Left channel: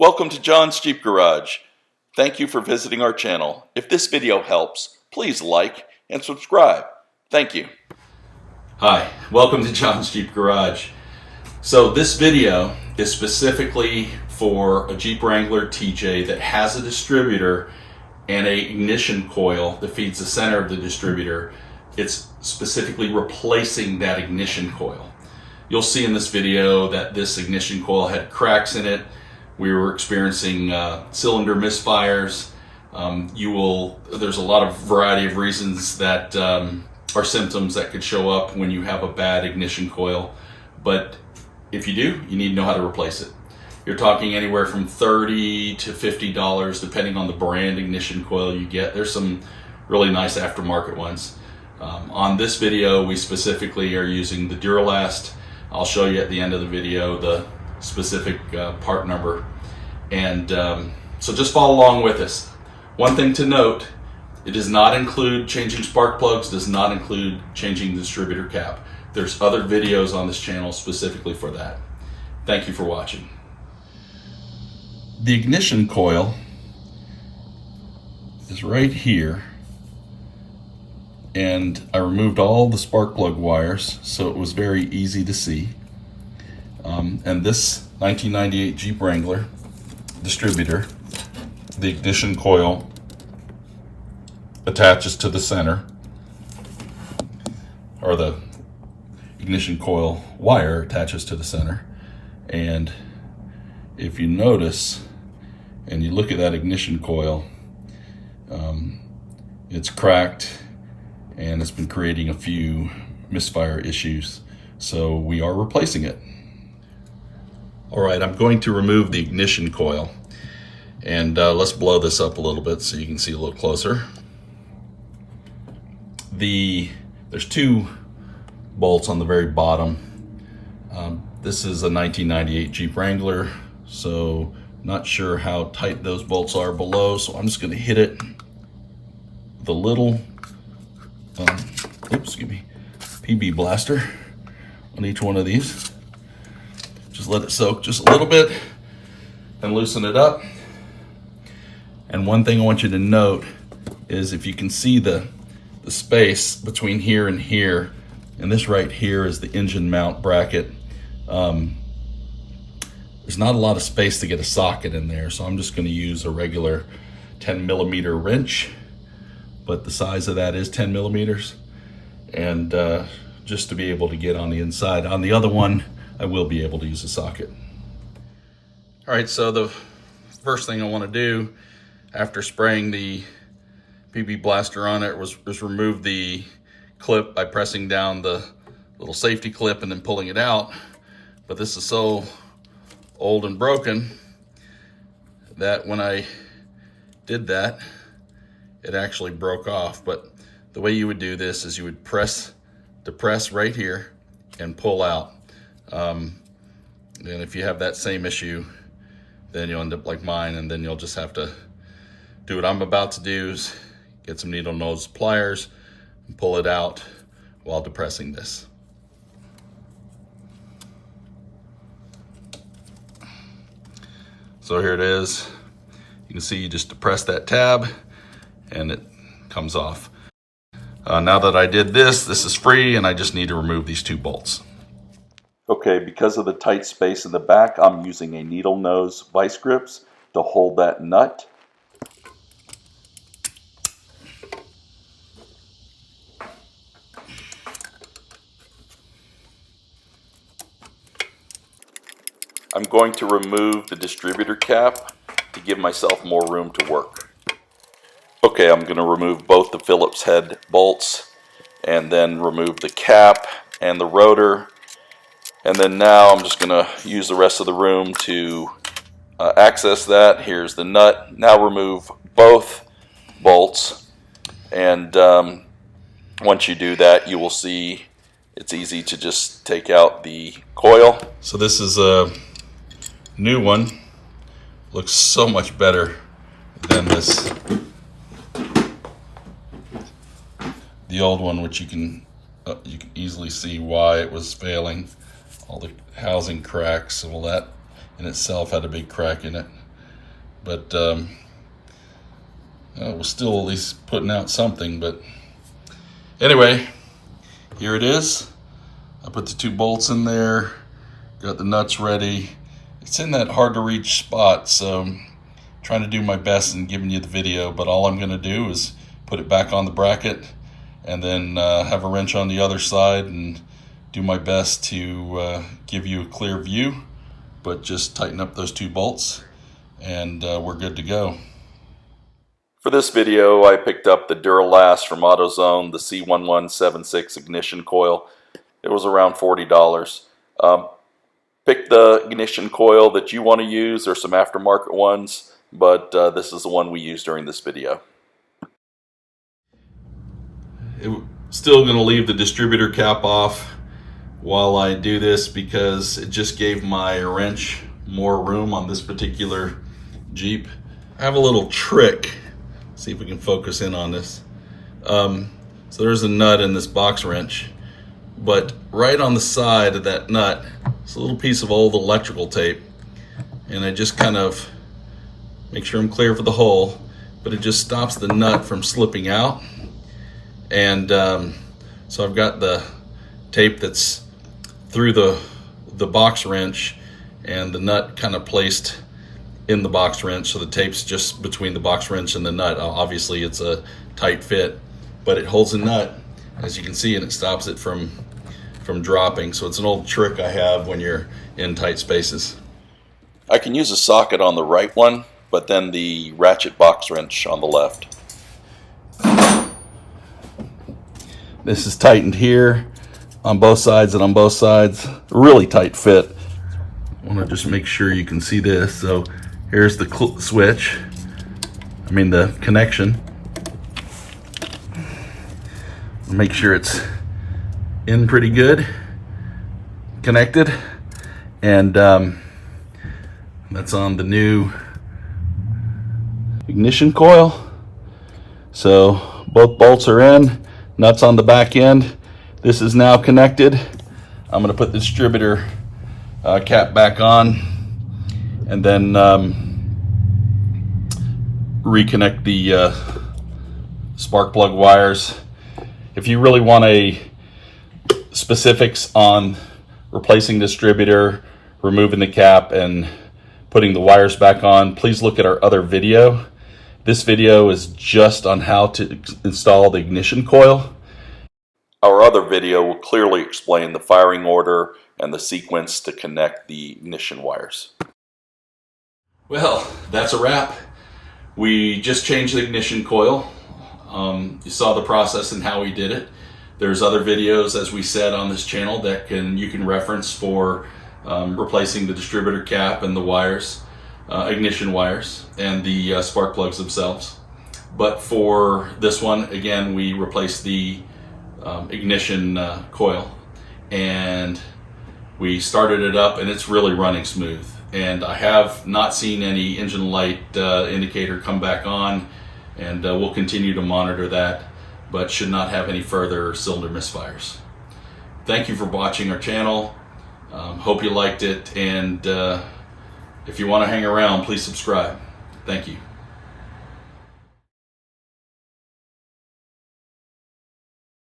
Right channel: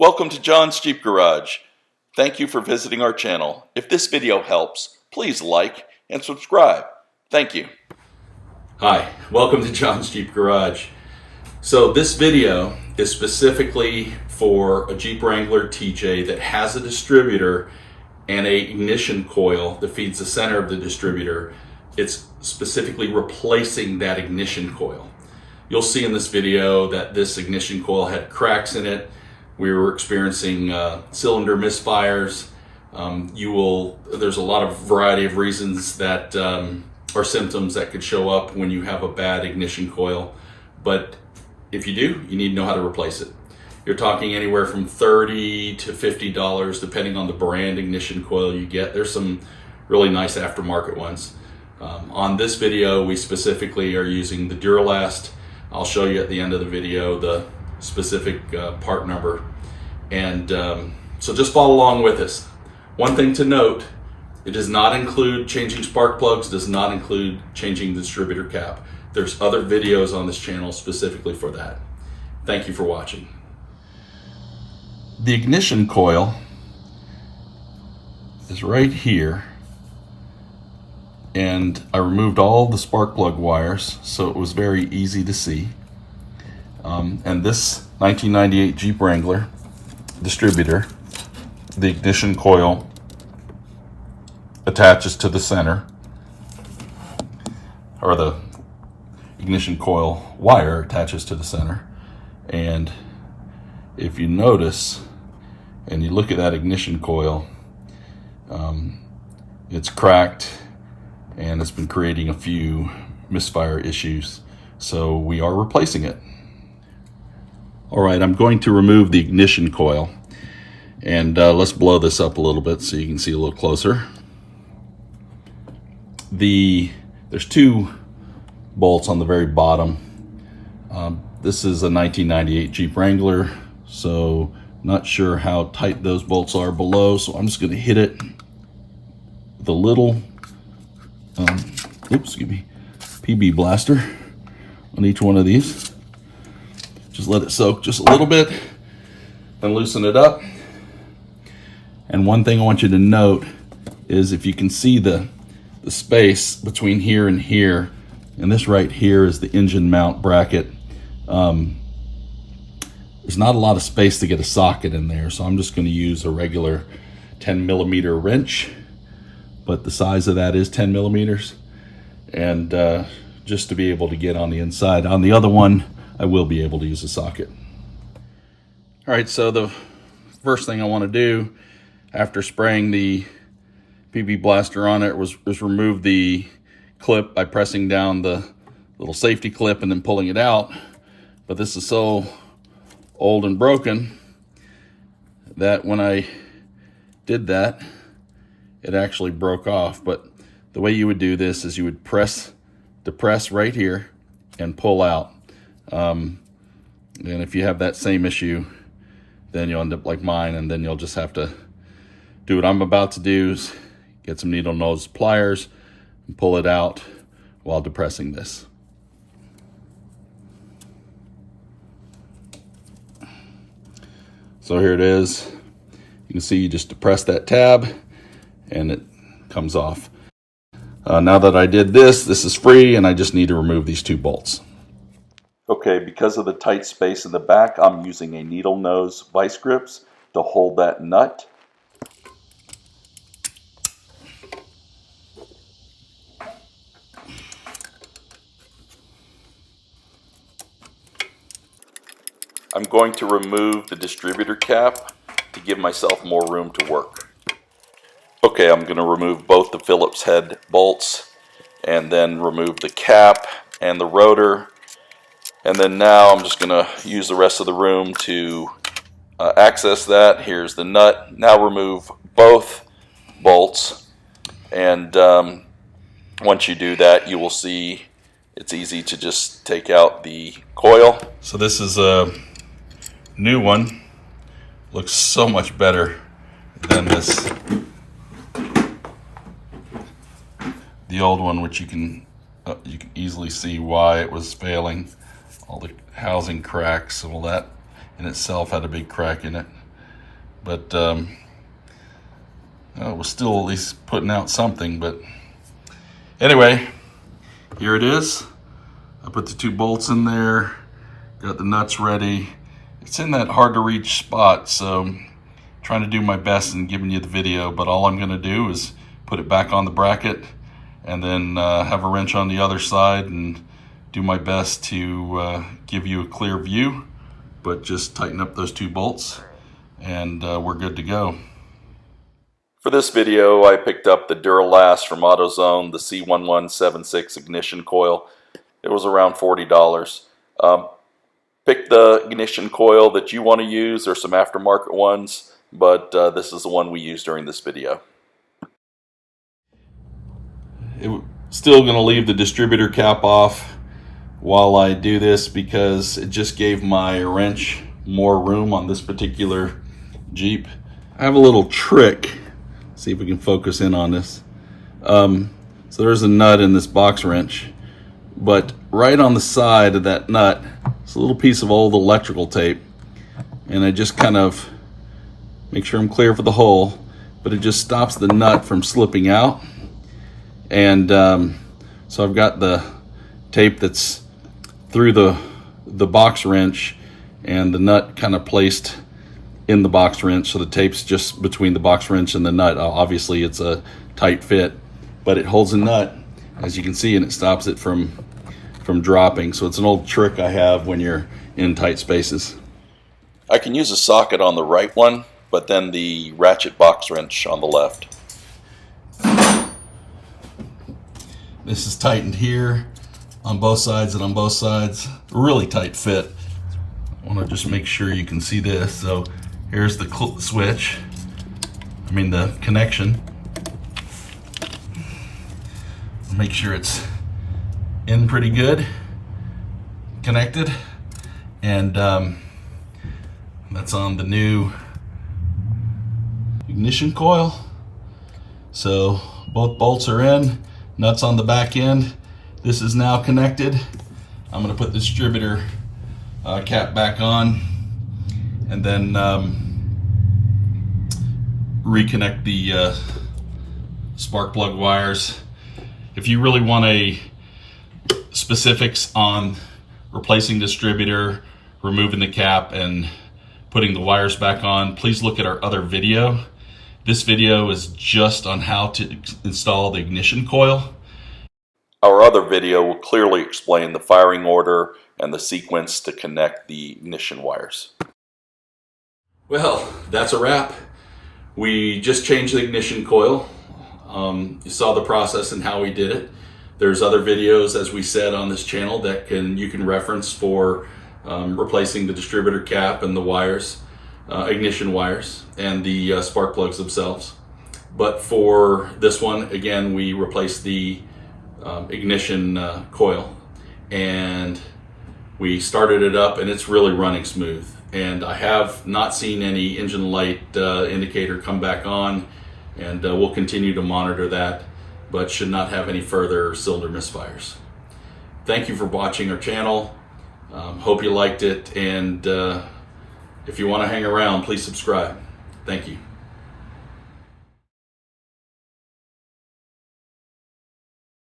Welcome to John's Jeep Garage. Thank you for visiting our channel. If this video helps, please like and subscribe. Thank you. Hi, welcome to John's Jeep Garage. So this video is specifically for a Jeep Wrangler TJ that has a distributor and a ignition coil that feeds the center of the distributor. It's specifically replacing that ignition coil. You'll see in this video that this ignition coil had cracks in it. We were experiencing cylinder misfires. There's a lot of variety of reasons that are symptoms that could show up when you have a bad ignition coil. But if you do, you need to know how to replace it. You're talking anywhere from $30 to $50 depending on the brand ignition coil you get. There's some really nice aftermarket ones. On this video, we specifically are using the Duralast. I'll show you at the end of the video the specific part number, and so just follow along with us. One thing to note, it does not include changing spark plugs, does not include changing the distributor cap. There's other videos on this channel specifically for that. Thank you for watching. The ignition coil is right here, and I removed all the spark plug wires so it was very easy to see. And this 1998 Jeep Wrangler distributor, the ignition coil attaches to the center, or the ignition coil wire attaches to the center. And if you notice and you look at that ignition coil, it's cracked and it's been creating a few misfire issues. So we are replacing it. All right, I'm going to remove the ignition coil, and let's blow this up a little bit so you can see a little closer. There's two bolts on the very bottom. This is a 1998 Jeep Wrangler, so not sure how tight those bolts are below, so I'm just going to hit it with a little PB blaster on each one of these. Just let it soak just a little bit and loosen it up. And one thing I want you to note is if you can see the space between here and here, and this right here is the engine mount bracket. There's not a lot of space to get a socket in there, so I'm just going to use a regular 10mm wrench, but the size of that is 10 millimeters, and just to be able to get on the inside. On the other one, I will be able to use a socket. All right, so the first thing I want to do after spraying the PB blaster on it was remove the clip by pressing down the little safety clip and then pulling it out. But this is so old and broken that when I did that, it actually broke off. But the way you would do this is you would depress right here and pull out. And if you have that same issue, then you'll end up like mine, and then you'll just have to do what I'm about to do, is get some needle nose pliers and pull it out while depressing this. So here it is. You can see you just depress that tab and it comes off. Now that I did this, this is free, and I just need to remove these two bolts. Okay, because of the tight space in the back, I'm using a needle nose vice grips to hold that nut. I'm going to remove the distributor cap to give myself more room to work. Okay, I'm going to remove both the Phillips head bolts and then remove the cap and the rotor. And then now I'm just going to use the rest of the room to access that. Here's the nut. Now remove both bolts. And once you do that, you will see it's easy to just take out the coil. So this is a new one. Looks so much better than this. The old one, which you can easily see why it was failing. All the housing cracks and all that in itself had a big crack in it. but it was still at least putting out something. But anyway, here it is. I put the 2 bolts in there, got the nuts ready. It's in that hard to reach spot, so I'm trying to do my best in giving you the video, but all I'm gonna do is put it back on the bracket and then have a wrench on the other side and do my best to give you a clear view, but just tighten up those 2 bolts and we're good to go. For this video, I picked up the Duralast from AutoZone, the C1176 ignition coil. It was around $40. Pick the ignition coil that you want to use. There's some aftermarket ones, but this is the one we used during this video. Still going to leave the distributor cap off while I do this because it just gave my wrench more room on this particular Jeep. I have a little trick. See if we can focus in on this. So there's a nut in this box wrench, but right on the side of that nut is a little piece of old electrical tape, and I just kind of make sure I'm clear for the hole, but it just stops the nut from slipping out. And so I've got the tape that's through the box wrench and the nut kind of placed in the box wrench, so the tape's just between the box wrench and the nut. Obviously it's a tight fit, but it holds the nut, as you can see, and it stops it from dropping. So it's an old trick I have when you're in tight spaces. I can use a socket on the right one, but then the ratchet box wrench on the left. This is tightened here on both sides and on both sides. Really tight fit. I want to just make sure you can see this. So here's the switch, the connection. Make sure it's in pretty good, connected, and that's on the new ignition coil. So both bolts are in, nuts on the back end. This is now connected. I'm going to put the distributor cap back on and then reconnect the spark plug wires. If you really want specifics on replacing distributor, removing the cap, and putting the wires back on, please look at our other video. This video is just on how to install the ignition coil. Our other video will clearly explain the firing order and the sequence to connect the ignition wires. Well, that's a wrap. We just changed the ignition coil. You saw the process and how we did it. There's other videos, as we said, on this channel that you can reference for replacing the distributor cap and the wires, ignition wires, and the spark plugs themselves. But for this one, again, we replaced the ignition coil, and we started it up, and it's really running smooth. And I have not seen any engine light indicator come back on, and we'll continue to monitor that, but should not have any further cylinder misfires. Thank you for watching our channel. Hope you liked it, and if you want to hang around, please subscribe. Thank you.